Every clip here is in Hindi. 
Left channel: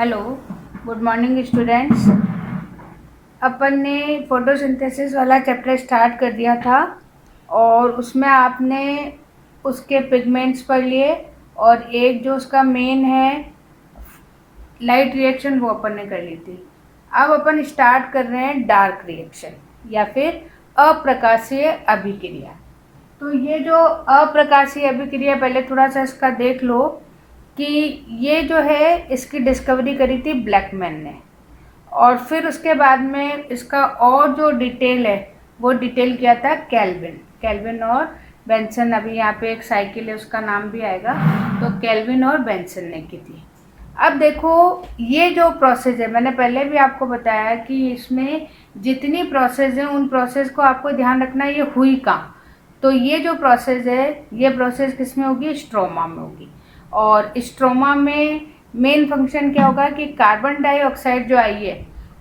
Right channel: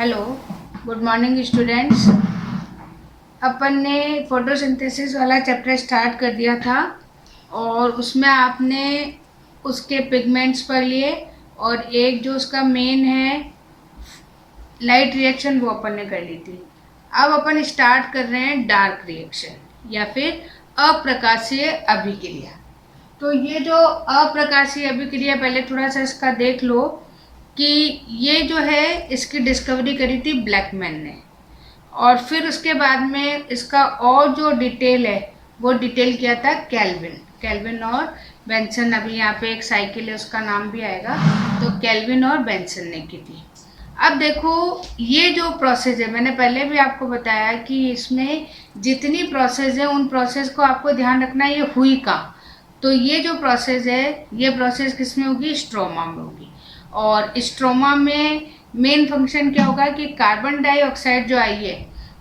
Hello, good morning students. अपन ने फोटोसिंथेसिस वाला चैप्टर स्टार्ट कर दिया था और उसमें आपने उसके पिगमेंट्स पढ़ लिए और एक जो उसका मेन है लाइट रिएक्शन वो अपन ने कर ली थी। अब अपन स्टार्ट कर रहे हैं डार्क रिएक्शन या फिर अप्रकाशीय अभिक्रिया। तो ये जो अप्रकाशीय अभिक्रिया पहले थोड़ा सा इसका देख लो कि ये जो है इसकी डिस्कवरी करी थी ब्लैकमैन ने और फिर उसके बाद में इसका और जो डिटेल है वो डिटेल किया था केल्विन और बेंसन। अभी यहाँ पे एक साइकिल है उसका नाम भी आएगा, तो केल्विन और बेंसन ने की थी। अब देखो ये जो प्रोसेस है मैंने पहले भी आपको बताया कि इसमें जितनी प्रोसेस है उन प्रोसेस को आपको ध्यान रखना ये हुई कहाँ। तो ये जो प्रोसेस है ये प्रोसेस किस में होगी, स्ट्रोमा में होगी। और स्ट्रोमा में मेन फंक्शन क्या होगा कि कार्बन डाइऑक्साइड जो आई है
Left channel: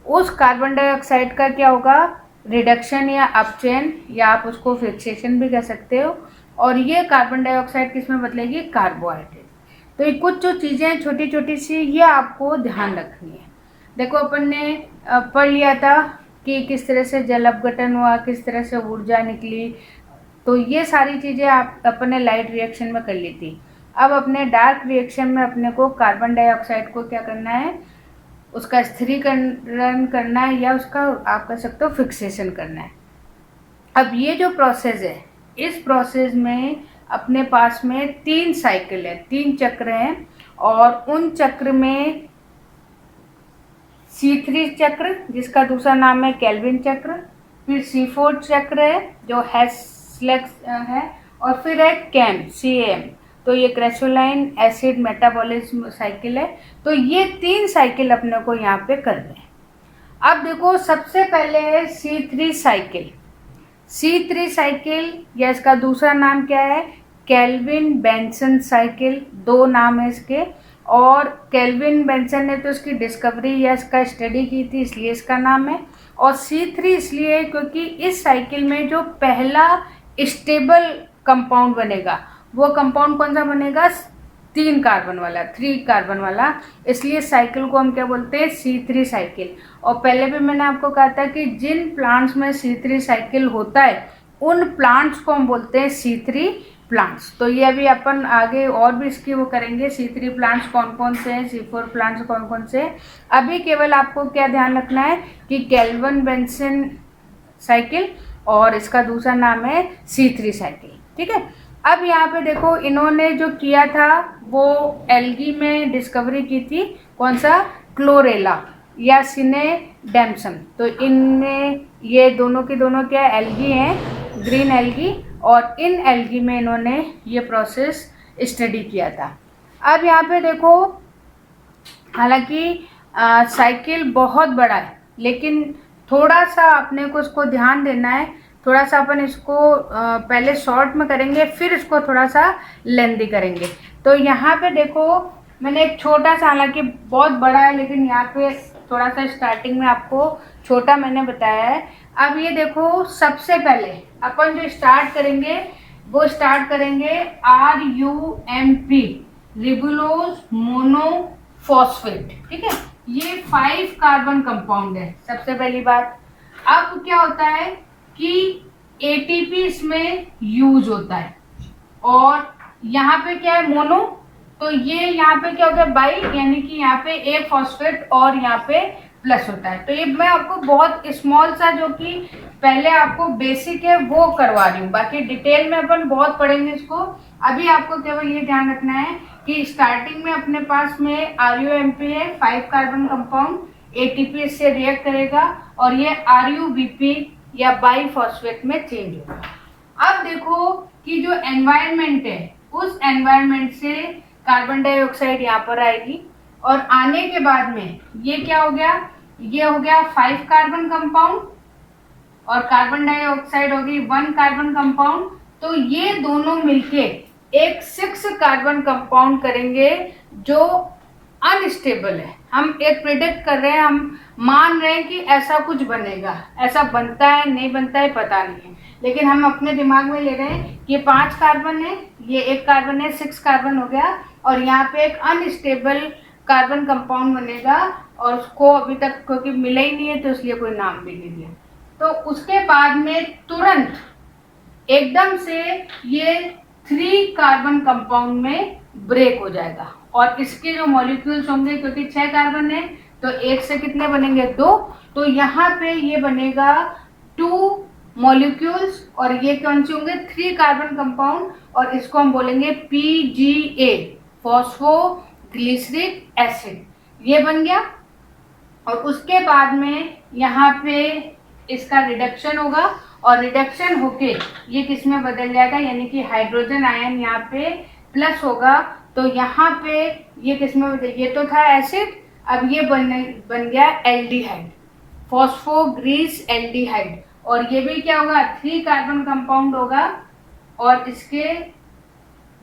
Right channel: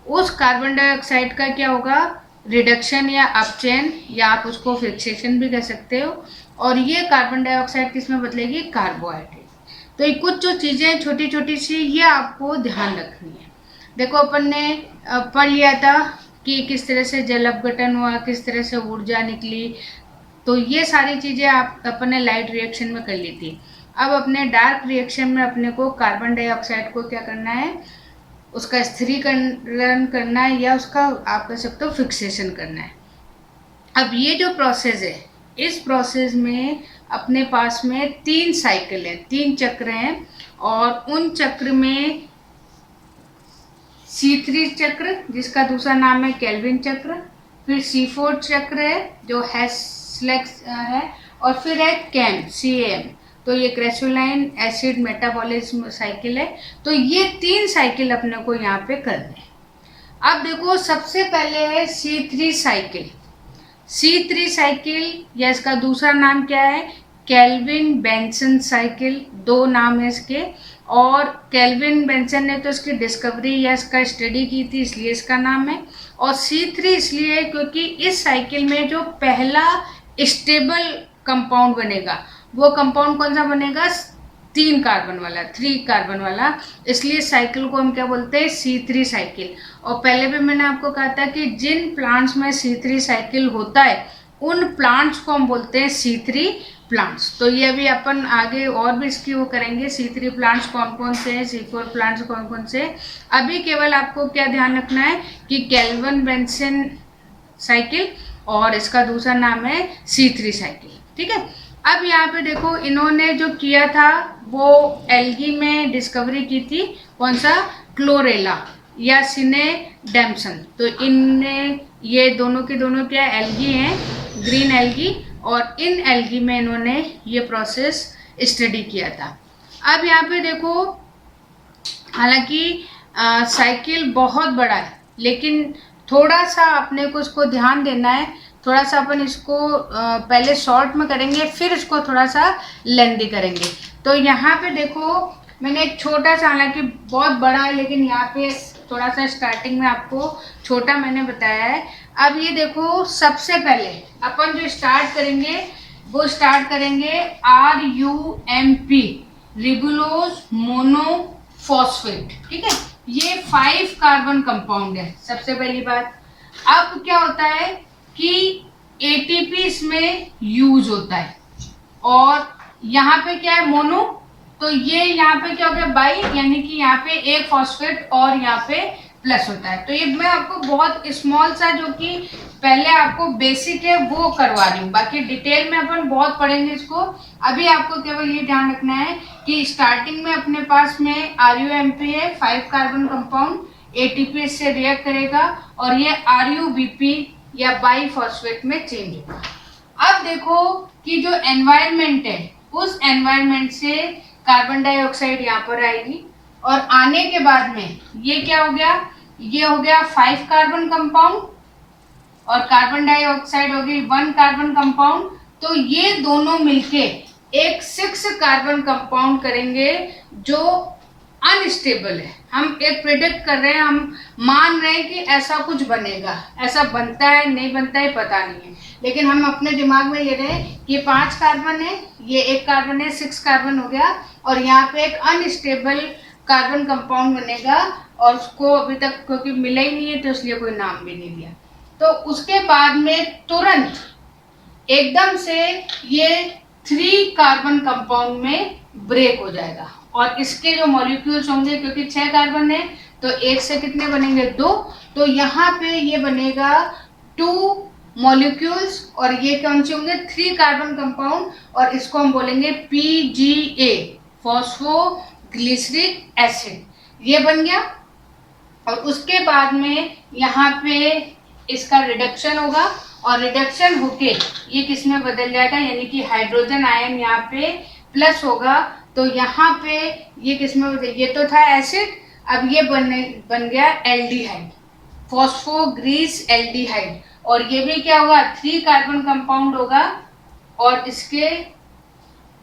उस कार्बन डाइऑक्साइड का क्या होगा, रिडक्शन या अपचयन या आप उसको फिक्सेशन भी कह सकते हो। और ये कार्बन डाइऑक्साइड किस में बदलेगी, कार्बोहाइड्रेट। तो ये कुछ जो चीज़ें छोटी छोटी सी ये आपको ध्यान रखनी है। देखो अपन ने पढ़ लिया था कि किस तरह से जल अपघटन हुआ, किस तरह से ऊर्जा निकली, तो ये सारी चीज़ें आप अपने लाइट रिएक्शन में कर ली थी। अब अपने डार्क रिएक्शन में अपने को कार्बन डाइऑक्साइड को क्या करना है, उसका स्थिरीकरण करना है या उसका आप कह सकते हो फिक्सेशन करना है। अब ये जो प्रोसेस है इस प्रोसेस में अपने पास में 3 साइकिल हैं, 3 चक्र हैं और उन चक्र में C3 चक्र जिसका दूसरा नाम है केल्विन चक्र, फिर C4 चक्र है जो हेस्लेक्स है और फिर है CAM, तो ये क्रेसोलाइन एसिड मेटाबॉलिज्म साइकिल है। तो ये 3 साइकिल अपने को यहाँ पे करने हैं। अब देखो सबसे पहले है C3 साइकिल या इसका दूसरा नाम क्या है, केल्विन बेंसन साइकिल। 2 नाम है इसके और केल्विन बेंसन ने तो इसकी डिस्कवरी या इसका स्टडी की थी इसलिए इसका नाम है। और C3 इसलिए क्योंकि इस साइकिल में जो पहला स्टेबल कंपाउंड बनेगा वो कंपाउंड कौन सा बनेगा, 3 कार्बन वाला, इसलिए साइकिल को हम क्या बोलते हैं, C3 साइकिल। और पहले भी मैंने आपको कहा था कि जिन प्लांट्स में C3 साइकिल होता है उन प्लांट्स को हम बोलते हैं C3 प्लांट्स। तो ये अभी अपन आगे और भी इसकी वो करेंगे, C3 प्लांट्स कौन कौन से हैं, C4 प्लांट्स कौन कौन से हैं। अभी केवल आपको क्या ध्यान रखना है कि केल्विन बेंसन साइकिल और इसका दूसरा नाम है C3 साइकिल, ठीक है। अब यहाँ पे देखो इन्होंने जो किया था वो एल्गी में डिस्कवरी की थी, कौन सा, क्लोरेला या सिनेडेम्सन। तो इनमें ये दोनों के दोनों क्या एल्गी हैं, ग्रीन एल्गी, और इन एल्गी में इन्होंने ये प्रोसेस स्टडी किया था। अब यहाँ पे देखो हालांकि साइकिल बहुत बड़ा है लेकिन थोड़ा सा अपने को उसको ध्यान देना है। थोड़ा सा अपन इसको पहले शॉर्ट में करेंगे फिर इसको थोड़ा सा लेंदी करेंगे। तो यहाँ पे देखो मैंने एक छोटा सा, हालांकि बहुत बड़ा है लेकिन यहाँ पे थोड़ा सा स्टार्टिंग में आपको छोटा मैंने बताया है। अब ये देखो सबसे पहले अपन जो स्टार्ट करेंगे वो स्टार्ट करेंगे RUMP, रिबुलोज मोनोफॉस्फेट, ठीक है। ये 5 कार्बन कंपाउंड है सबसे पहली बात। अब क्या होता है कि ATP इसमें यूज होता है और यहाँ पे क्या है मोनो, तो ये यहाँ पे क्या हो गया बाई, यानी कि यहाँ पे एक फॉस्फेट और यहाँ पे प्लस होता है। तो ये मैं आपको बहुत स्मॉल सा जो कि पहले आपको बेसिक है वो करवा रही हूँ, बाकी डिटेल में अपन बहुत पढ़ेंगे इसको। अभी आपको केवल ये ध्यान रखना है कि स्टार्टिंग में अपने पास में RUMP है 5 कार्बन कंपाउंड, ATP इससे रिएक्ट करेगा और ये RUBP या बाई फॉस्फेट में चेंज होगा। अब देखो कि जो एनवायरनमेंट है उस एनवायरनमेंट से कार्बन डाइऑक्साइड यहाँ पर आएगी और आने के बाद में ये क्या हो गया, ये हो गया 5 कार्बन कंपाउंड और कार्बन डाइऑक्साइड होगी 1 कार्बन कंपाउंड। तो ये दोनों मिलके एक 6 कार्बन कंपाउंड करेंगे जो अनस्टेबल है। हम एक प्रिडिक्ट कर रहे हैं, हम मान रहे हैं कि ऐसा कुछ बनेगा, ऐसा बनता है नहीं बनता है पता नहीं है, लेकिन हम अपने दिमाग में ले रहे हैं कि 5 कार्बन है, ये 1 कार्बन है, 6 कार्बन हो गया और यहाँ पे एक अनस्टेबल कार्बन कंपाउंड बनेगा, और उसको अभी तक क्योंकि मिला ही नहीं है तो इसलिए कोई नाम भी नहीं दिया। तो उसके बाद में तुरंत एकदम से ये 3 कार्बन कंपाउंड में ब्रेक हो जाएगा, और इसके जो मॉलिक्यूल्स होंगे, क्योंकि 6 कार्बन है तो एक से कितने बनेंगे 2, तो यहाँ पे ये बनेगा 2 मॉलिक्यूल्स, और ये कौन से होंगे 3 कार्बन कंपाउंड, और इसको हम बोलेंगे PGA, फॉस्फोग्लिसरिक एसिड, ये बन गया। और उसके बाद में यहाँ पे इसका रिडक्शन होगा, और रिडक्शन होके ये किस में बदल जाएगा, यानी कि हाइड्रोजन आयन यहाँ पे प्लस होगा, तो यहाँ पे ये किस में बदल, ये तो था एसिड, अब ये बन गया एल्डिहाइड, फॉस्फोग्रीस एल्डिहाइड, और ये भी क्या होगा 3 कार्बन कंपाउंड होगा और इसके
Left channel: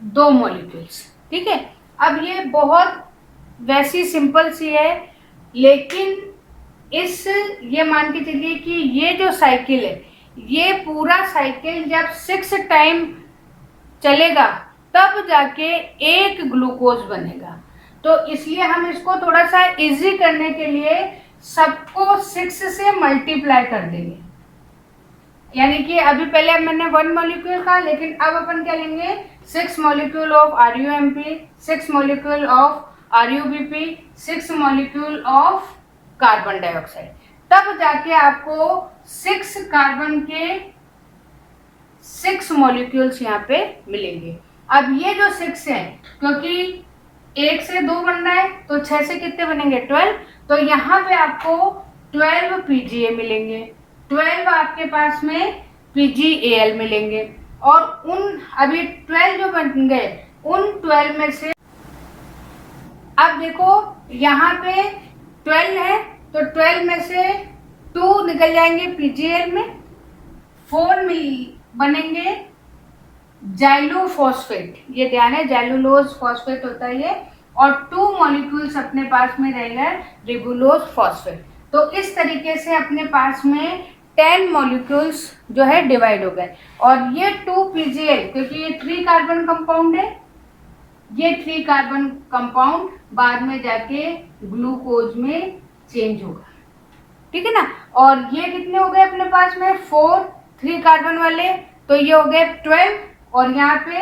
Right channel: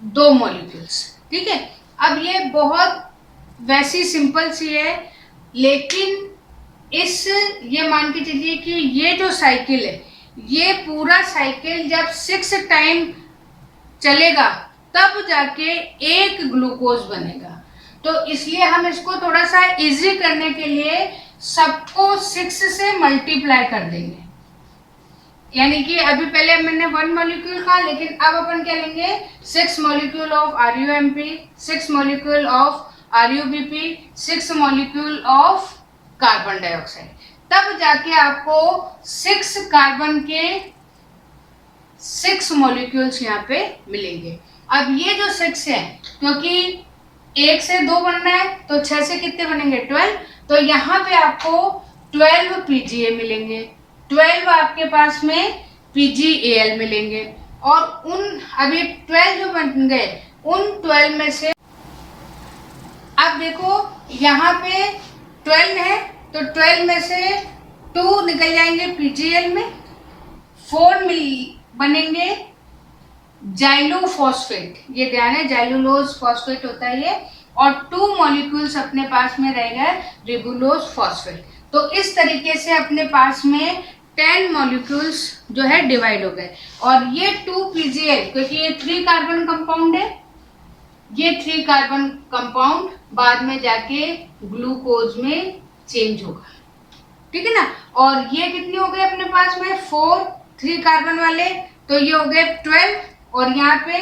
2 मॉलिक्यूल्स। ठीक है, अब ये बहुत वैसी सिंपल सी है, लेकिन ये मान के चलिए कि ये जो साइकिल है, ये पूरा साइकिल जब 6 टाइम चलेगा तब जाके एक ग्लूकोज बनेगा। तो इसलिए हम इसको थोड़ा सा इजी करने के लिए सबको 6 से मल्टीप्लाई कर देंगे, यानी कि अभी पहले मैंने 1 मॉलिक्यूल कहा, लेकिन अब अपन क्या लेंगे 6 molecule of RUMP, 6 molecule of RUBP, 6 molecule of carbon dioxide, तब जाके आपको 6 कार्बन के 6 मॉलिक्यूल्स यहाँ पे मिलेंगे। अब ये जो 6 है, क्योंकि 1 से 2 बनना है तो 6 से कितने बनेंगे 12, तो यहाँ पे आपको 12 PGA मिलेंगे, 12 आपके पास में PGAL मिलेंगे, और उन अभी 12 जो बन गए उन 12 में से अब देखो यहाँ पे 12 है तो 12 में से 2 निकल जाएंगे PGL में, 4 बनेंगे जाइलोफॉस्फेट, ये ध्यान है जाइलुलोज फॉस्फेट होता है ये, और 2 मॉलिक्यूल्स अपने पास में रहेगा रिबुलोज फॉस्फेट। तो इस तरीके से अपने पास में 10 मॉलिक्यूल्स जो है डिवाइड हो गए, और ये 2 PGL, क्योंकि ये 3 कार्बन कंपाउंड है, ये 3 कार्बन कंपाउंड बाद में जाके ग्लूकोज में चेंज होगा। ठीक है ना, और ये कितने हो गए अपने पास में 4 3 कार्बन वाले, तो ये हो गए 12, और यहाँ पे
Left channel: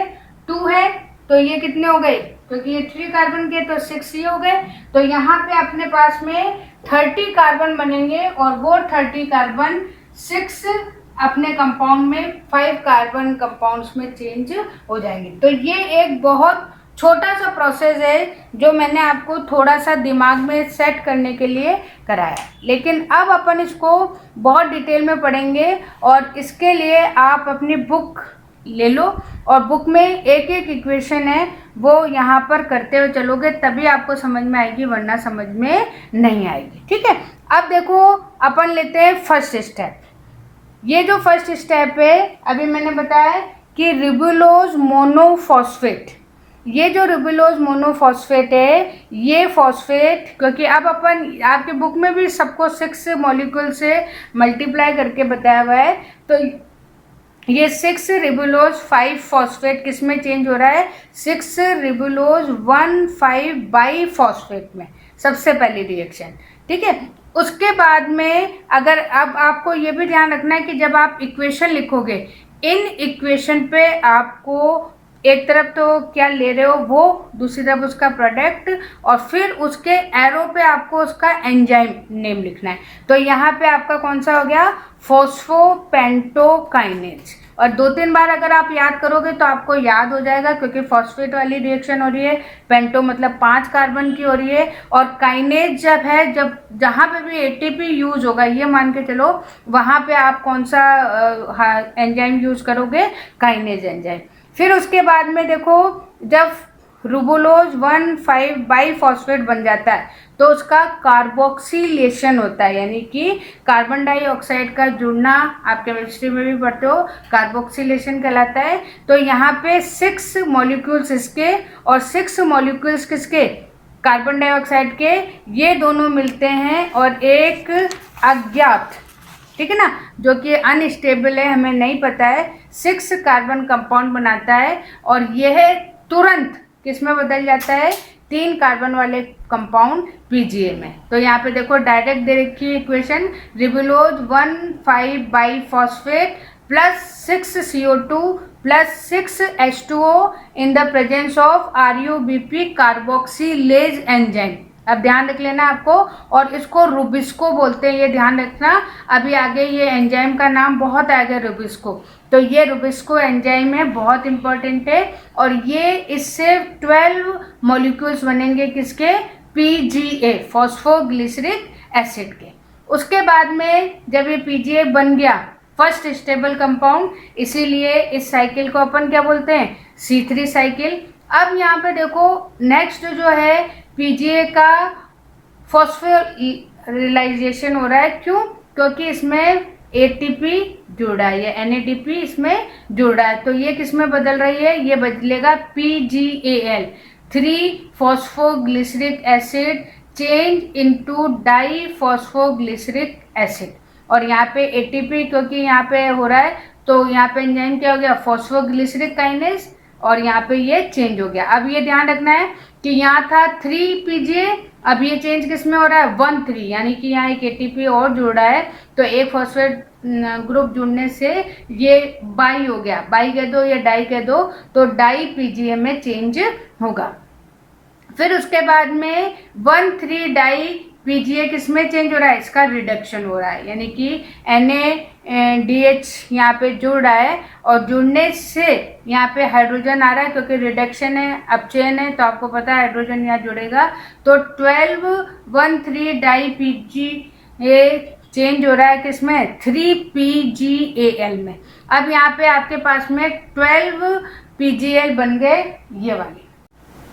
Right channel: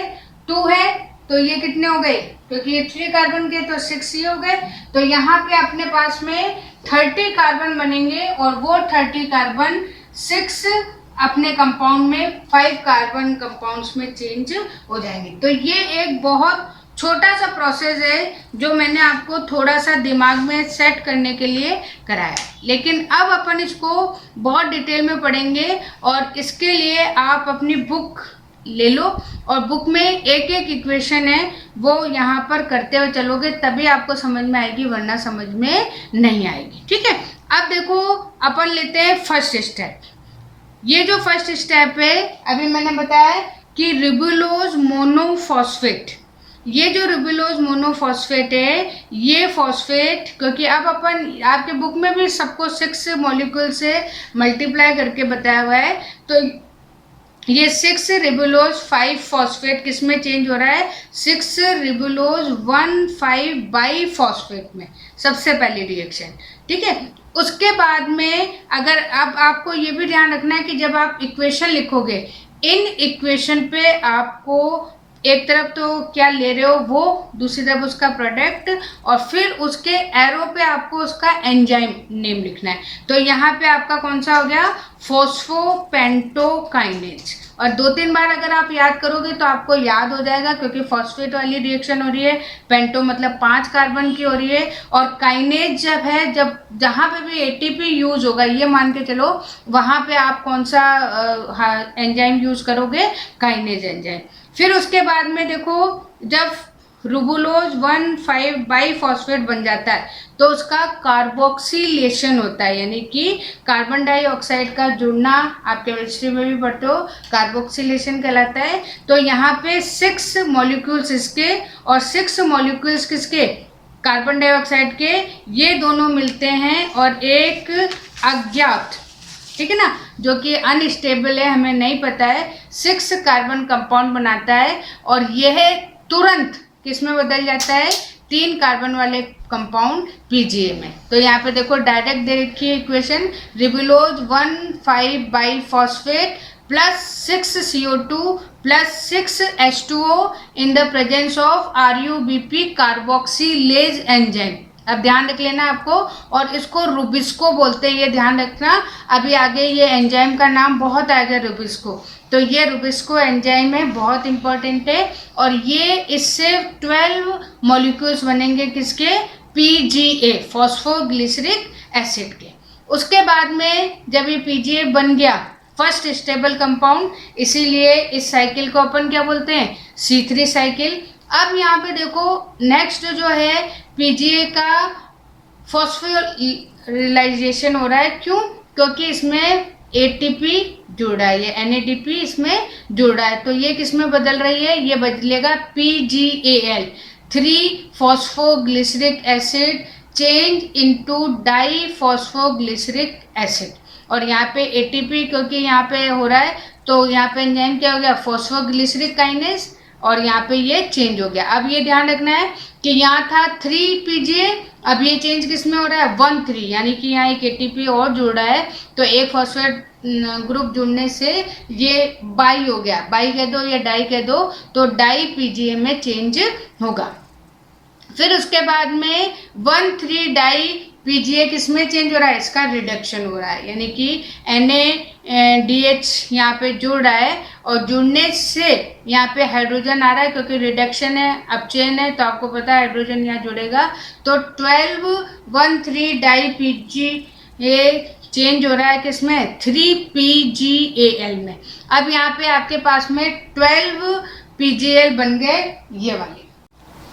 2 है तो ये कितने हो गए, क्योंकि ये 3 कार्बन के तो 6 ही हो गए, तो यहाँ पे अपने पास में 30 कार्बन बनेंगे, और वो 30 कार्बन 6 अपने कंपाउंड में 5 कार्बन कंपाउंड्स में चेंज हो जाएंगे। तो ये एक बहुत छोटा सा प्रोसेस है जो मैंने आपको थोड़ा सा दिमाग में सेट करने के लिए कराया, लेकिन अब अपन इसको बहुत डिटेल में पढ़ेंगे, और इसके लिए आप अपनी बुक ले लो, और बुक में एक एक इक्वेशन है वो यहाँ पर करते हुए चलोगे तभी आपको समझ में आएगी, वरना समझ में नहीं आएगी। ठीक है, अब देखो अपन लेते हैं फर्स्ट स्टेप। ये जो फर्स्ट स्टेप है अभी मैंने बताया कि रिबुलोज मोनोफॉस्फेट, ये जो रिबुलोज मोनोफॉस्फेट है, ये फॉस्फेट, क्योंकि अब अपन आपके बुक में भी सबको 6 मॉलिक्यूल से मल्टीप्लाई करके बताया हुआ है, तो ये 6 रिबुलोज 5 फॉस्फेट किस में चेंज हो रहा है, 6 रिबुलोज 1,5 बाई फॉस्फेट में, सबसे पहली रिएक्शन। ठीक है, उसके बाद में अगर अब आपको ये भी ध्यान रखना है कि जब आप इक्वेशन लिखोगे, इन इक्वेशन पे आपको एक तरफ तो क्या ले रहे हो वो, दूसरी तरफ उसका प्रोडक्ट, और फिर उसके एरो पे आपको उसका एंजाइम नेम लिखना है। तो यहाँ पे आपका कौन सा हो गया, फॉस्फोपेंटोकाइनेज, और 2-3 बार अगर आप याद करोगे तो आपको याद हो जाएगा, क्योंकि फॉस्फेट वाली रिएक्शन हो रही है, पेंटो मतलब 5 कार्बन की हो रही है, और काइनेज जब है, जब जहाँ पे भी ATP यूज होगा, ये मान के चलो वहाँ पे आप कौन सा एंजाइम यूज करोगे, काइनेज एंजाइम। फिर उसके बाद में देखो जब रिबुलोज 1,5 बाई फॉस्फेट बन जाता है तो उसका कार्बोक्सिलेशन होता है, यानी कि कार्बन डाइऑक्साइड का जुड़ना, आप केमिस्ट्री में भी पढ़ते हो, कार्बोक्सिलेशन कहलाता है। तो यहाँ पे 6 मॉलिक्यूल्स इसके और 6 मॉलिक्यूल्स किसके, कार्बन डाइऑक्साइड के, ये दोनों मिलते हैं और एक अज्ञात, ठीक है ना, जो कि अनस्टेबल है, हमें नहीं पता है, 6 कार्बन कंपाउंड बनाता है, और यह तुरंत किस में बदल जाता है, 3 कार्बन वाले कंपाउंड पीजीए में। तो यहाँ पे देखो डायरेक्ट दे रखी है equation, ribulose 1,5 biphosphate plus 6 CO2 plus 6 H2O in the presence of RUBP carboxylase enzyme. अब ध्यान रख लेना आपको, और इसको रुबिस्को बोलते हैं, ये ध्यान रखना। अभी आगे ये एंजाइम का नाम बहुत आएगा रुबिस्को। तो ये रुबिस्को एंजाइम है, बहुत इंपॉर्टेंट है, और ये इससे 12 मॉलिक्यूल्स बनेंगे किसके, PGA फॉस्फोग्लिसरिक एसिड के। उसके बाद में जब ये PGA बन गया फर्स्ट स्टेबल कंपाउंड, इसीलिए इस साइकिल को अपन क्या बोलते हैं, C3 साइकिल। अब यहाँ पे देखो नेक्स्ट जो है PGA का फॉस्फोरिलाइजेशन हो रहा है, क्यों, क्योंकि इसमें ATP जुड़ा है, ये NADP इसमें जुड़ा है, तो ये किस में बदल रही है, ये बदलेगा PGAL 3 phosphoglyceric acid change into di phosphoglyceric acid. और यहाँ पे ATP क्योंकि यहाँ पे हो रहा है, तो यहाँ पे एंजाइम क्या हो गया, फॉस्फोग्लिसरिक काइनेज, और यहाँ पे ये चेंज हो गया। अब ये ध्यान रखना है कि यहाँ था 3 PGA, अब ये चेंज किस में हो रहा है, 1,3, यानी कि यहाँ एक ATP और जुड़ रहा है, तो एक फॉस्फेट ग्रुप जुड़ने से ये बाई हो गया, बाई कह दो या डाई कह दो, तो डाई PGA में चेंज होगा। फिर उसके बाद में 1,3 डाई PGA किस में चेंज हो रहा है, इसका रिडक्शन हो रहा है, यानी कि NaDH यहाँ पे जुड़ रहा है, और जुड़ने से यहाँ पे हाइड्रोजन आ रहा है, क्योंकि रिडक्शन है, अब चेन है, तो आपको पता है हाइड्रोजन यहाँ जुड़ेगा, तो 1,3 डाई PGA चेंज हो रहा है किसमें, 3 PGAL में। अब यहाँ पे आपके पास में 12 PGL बन गए ये वाले।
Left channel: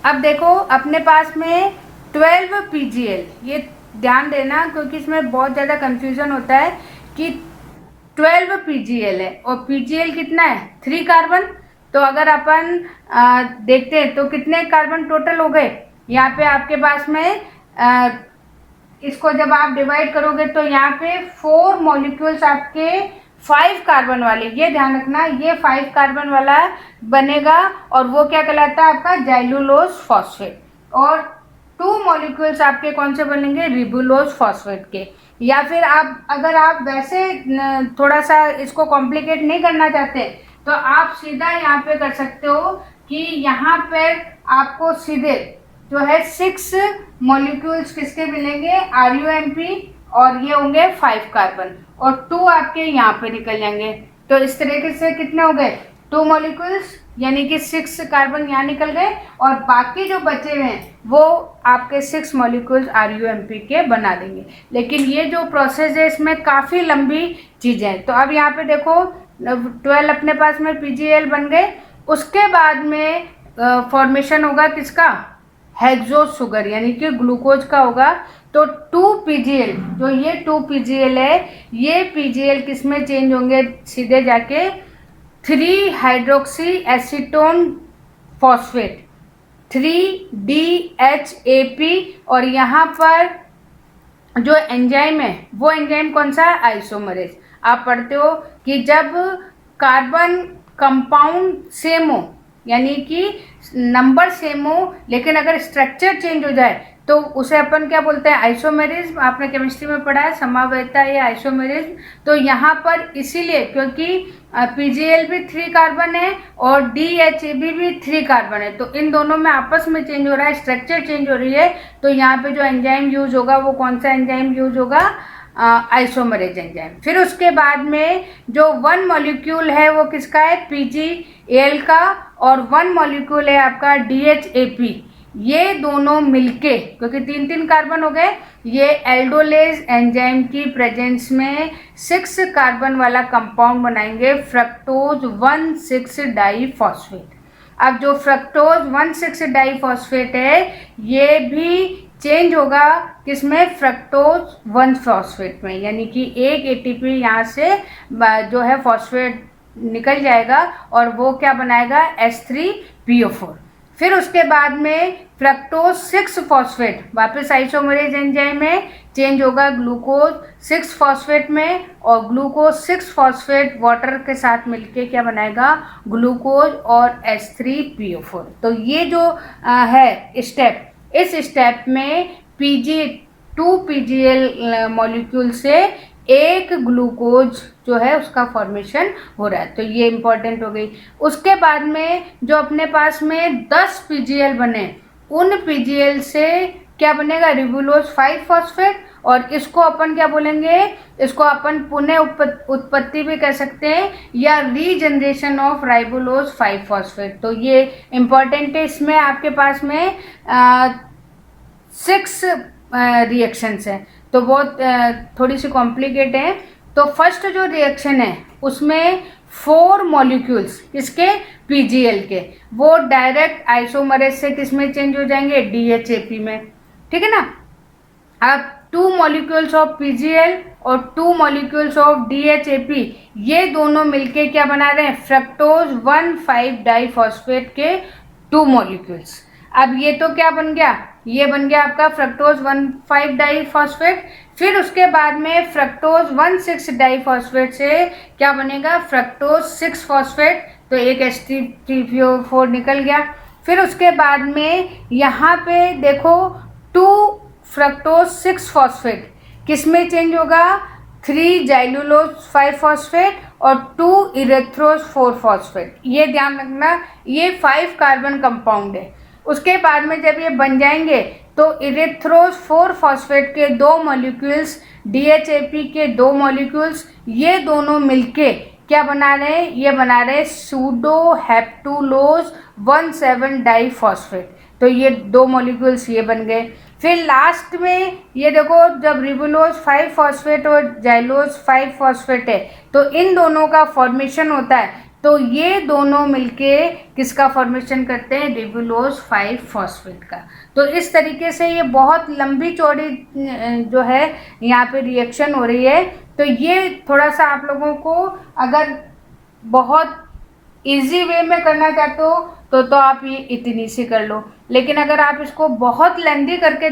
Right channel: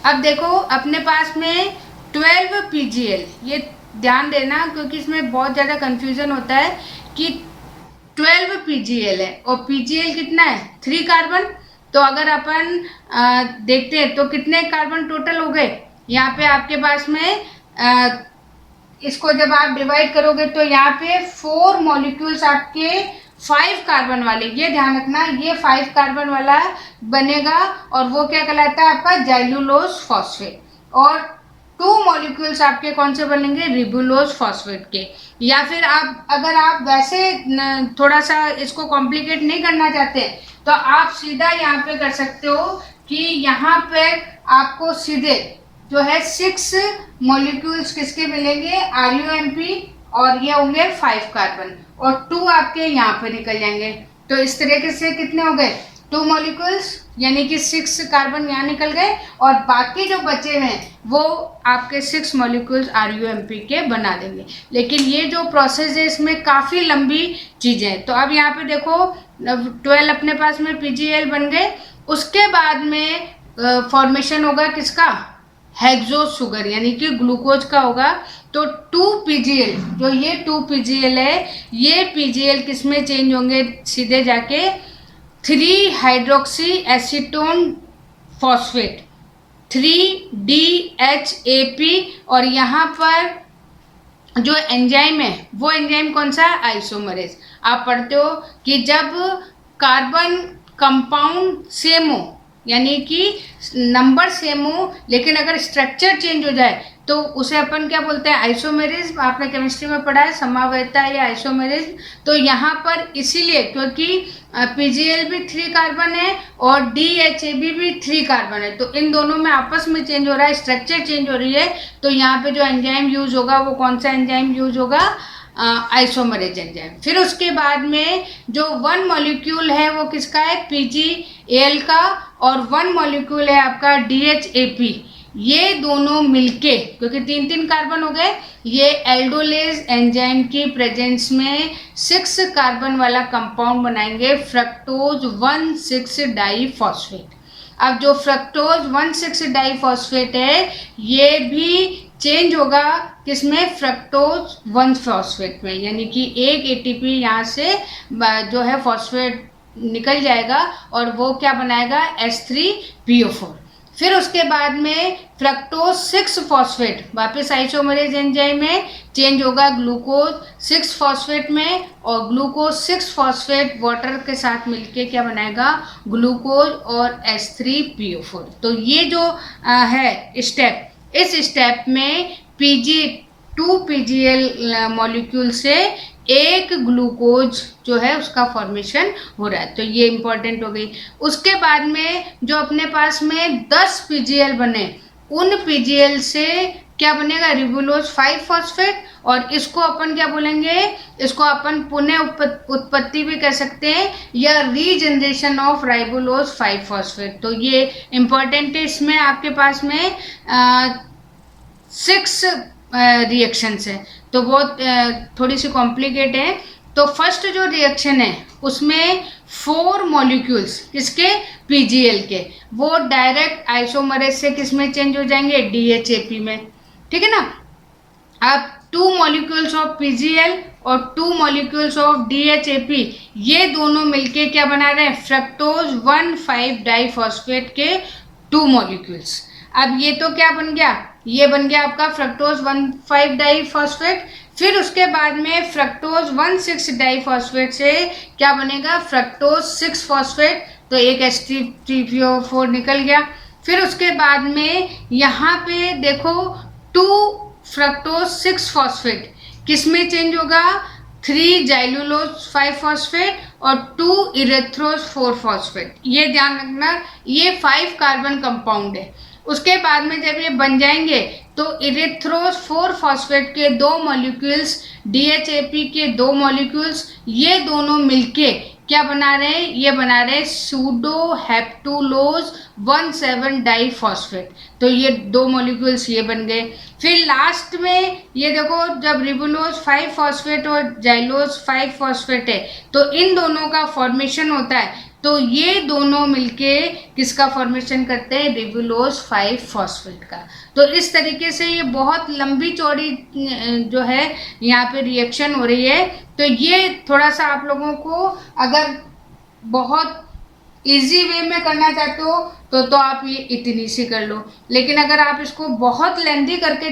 अब देखो अपने पास में 12 PGL, ये ध्यान देना क्योंकि इसमें बहुत ज़्यादा कन्फ्यूज़न होता है कि 12 PGL है, और PGL कितना है, 3 कार्बन। तो अगर अपन देखते हैं तो कितने कार्बन टोटल हो गए, यहाँ पे आपके पास में इसको जब आप डिवाइड करोगे तो यहाँ पे 4 मॉलिक्यूल्स आपके 5 कार्बन वाले, ये ध्यान रखना, ये 5 कार्बन वाला बनेगा, और वो क्या कहलाता है आपका जाइलुलोज फॉस्फेट, और 2 मॉलिक्यूल्स आपके कौन से बनेंगे, रिबुलोज फॉस्फेट के। या फिर आप अगर आप वैसे थोड़ा सा इसको कॉम्प्लिकेट नहीं करना चाहते तो आप सीधा यहाँ पे कर सकते हो कि यहाँ पर आपको सीधे जो है 6 मॉलिक्यूल्स किसके मिलेंगे, RUMP, और ये होंगे 5 कार्बन, और 2 आपके यहाँ पे निकल जाएंगे। तो इस तरीके से कितने हो गए, 2 मॉलिक्यूल्स, यानी कि 6 कार्बन यहाँ निकल गए, और बाकी जो बचे हुए हैं वो आपके 6 मॉलिक्यूल्स RUMP के बना देंगे। लेकिन ये जो प्रोसेस है इसमें काफ़ी लंबी चीज़ें हैं। तो अब यहाँ पे देखो 12 अपने पास में PGL बन गए। उसके बाद में फॉर्मेशन होगा किसका, हेक्सोस शुगर, यानी कि ग्लूकोज का होगा। तो 2 PGL, जो ये 2 PGL है, ये PGL किस में चेंज होंगे, सीधे जाके 3 हाइड्रोक्सी एसीटोन फॉस्फेट 3DHAP, और यहाँ पर जो एंजाइम है वो एंजाइम कौन सा है, आइसोमरेज। आप पढ़ते हो कि जब कार्बन कंपाउंड सेम हो, यानी कि नंबर सेम हो, लेकिन अगर स्ट्रक्चर चेंज हो जाए तो उसे अपन क्या बोलते हैं, आइसोमेरिज्म। आपने केमिस्ट्री में पढ़ा है समवेतता या आइसोमेरिज्म। तो यहाँ पर इसीलिए क्योंकि PGL भी 3 कार्बन है और DHAB भी 3 कार्बन है, तो इन दोनों में आपस में चेंज हो रहा है, स्ट्रक्चर चेंज हो रही है। तो यहाँ पे जो एंजाइम यूज होगा वो कौन सा एंजाइम यूज होगा, आइसोमरेज एंजाइम। फिर उसके बाद में जो 1 मॉलिक्यूल है वो किसका है, PGAL का, और 1 मॉलिक्यूल है आपका DHAP। ये दोनों मिलके, क्योंकि 3-3 कार्बन हो गए, ये एल्डोलेज एंजाइम की प्रेजेंस में 6 कार्बन वाला कंपाउंड बनाएंगे, फ्रक्टोज 1,6 डाईफॉस्फेट। अब जो फ्रक्टोज 1,6 डाईफॉस्फेट है ये भी चेंज होगा किसमें, फ्रक्टोज 1-फॉस्फेट में, यानी कि एक ATP यहाँ से जो है फॉस्फेट निकल जाएगा और वो क्या बनाएगा, H3PO4। फिर उसके बाद में फ्रक्टोज 6-फॉस्फेट वापस आइसोमरेज एंजाइम में चेंज होगा ग्लूकोज 6-फॉस्फेट में, और ग्लूकोज 6-फॉस्फेट वाटर के साथ मिलके क्या बनाएगा, ग्लूकोज और H3PO4। तो ये जो है स्टेप, इस स्टेप में Pg2 मॉलिक्यूल से एक ग्लूकोज जो है उसका फॉर्मेशन हो रहा है, तो ये इंपॉर्टेंट हो गई। उसके बाद में जो अपने पास में 10 PGL बने, उन PGL से क्या बनेगा, रिबुलोज 5 फॉस्फेट, और इसको अपन क्या बोलेंगे, इसको अपन पुनः उत्पत्ति भी कह सकते हैं या रीजनरेशन ऑफ राइबोलोज 5 फॉस्फेट। तो ये इंपॉर्टेंट है। इसमें आपके पास में 6 रिएक्शंस हैं, तो बहुत थोड़ी सी कॉम्प्लिकेट है। तो फर्स्ट जो रिएक्शन है उसमें 4 मॉलिक्यूल्स किसके, PGL के, वो डायरेक्ट आइसोमरेज से किस में चेंज हो जाएंगे, DHAP में, ठीक है ना। अब 2 मॉलिक्यूल्स ऑफ PGL और 2 मॉलिक्यूल्स ऑफ DHAP, ये दोनों मिलके क्या बना रहे हैं, फ्रक्टोज 1,5 डाइफॉस्फेट के 2 मॉलिक्यूल्स। अब ये तो क्या बन गया, ये बन गया आपका फ्रक्टोज 1,5 डाइफॉस्फेट। फिर उसके बाद में फ्रक्टोज 1,6 डाइफॉस्फेट से क्या बनेगा, फ्रक्टोज 6 फॉस्फेट, तो एक H3PO4 निकल गया। फिर उसके बाद में यहाँ पे देखो 2 फ्रक्टोज 6 फॉस्फेट किस में चेंज होगा, 3 जाइलुलोज 5 फॉस्फेट और 2 इरेथ्रोज 4 फॉस्फेट। ये ध्यान रखना, ये 5 कार्बन कंपाउंड है। उसके बाद में जब ये बन जाएंगे तो इरेथ्रोज 4 फॉस्फेट के 2 मॉलिक्यूल्स, DHAP के 2 मॉलिक्यूल्स, ये दोनों मिलके क्या बना रहे हैं, ये बना रहे हैं सूडो हेप्टुलोज 1,7 डाइफॉस्फेट। तो ये 2 मॉलिक्यूल्स ये बन गए। फिर लास्ट में ये देखो, जब रिबुलोज 5 फॉस्फेट और जाइलोज 5 फॉस्फेट है तो इन दोनों का फॉर्मेशन होता है, तो ये दोनों मिलके किसका फॉर्मेशन करते हैं, रिबुलोज 5 फॉस्फेट का। तो इस तरीके से ये बहुत लंबी चौड़ी जो है यहाँ पे रिएक्शन हो रही है। तो ये थोड़ा सा आप लोगों को अगर बहुत इजी वे में करना चाहते हो तो आप ये इतनी सी कर लो, लेकिन अगर आप इसको बहुत लेंदी करके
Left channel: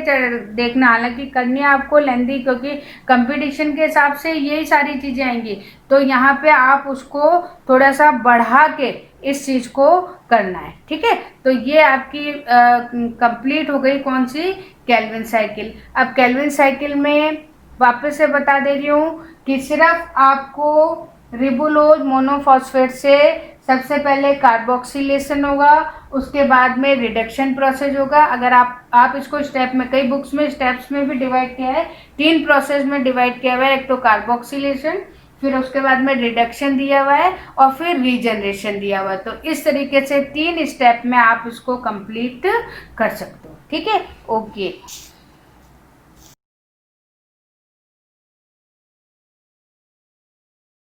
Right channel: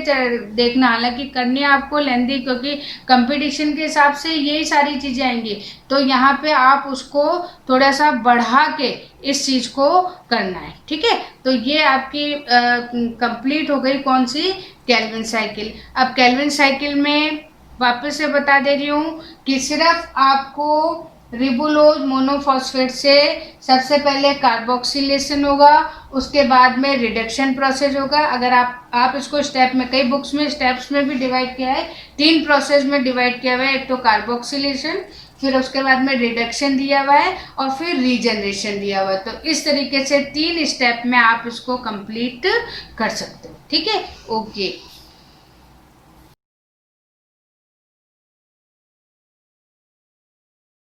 देखना, हालांकि करनी है आपको लेंदी क्योंकि कंपटीशन के हिसाब से यही सारी चीज़ें आएंगी, तो यहाँ पे आप उसको थोड़ा सा बढ़ा के इस चीज़ को करना है, ठीक है। तो ये आपकी कंप्लीट हो गई कौन सी, केल्विन साइकिल। अब केल्विन साइकिल में वापस से बता दे रही हूँ कि सिर्फ आपको रिबुलोज मोनोफॉस्फेट से सबसे पहले कार्बोक्सिलेशन होगा, उसके बाद में रिडक्शन प्रोसेस होगा। अगर आप इसको स्टेप में, कई बुक्स में स्टेप्स में भी डिवाइड किया है, 3 प्रोसेस में डिवाइड किया हुआ है। एक तो कार्बोक्सिलेशन, फिर उसके बाद में रिडक्शन दिया हुआ है और फिर रीजनरेशन दिया हुआ है। तो इस तरीके से 3 स्टेप में आप इसको कंप्लीट कर सकते हो, ठीक है। ओके।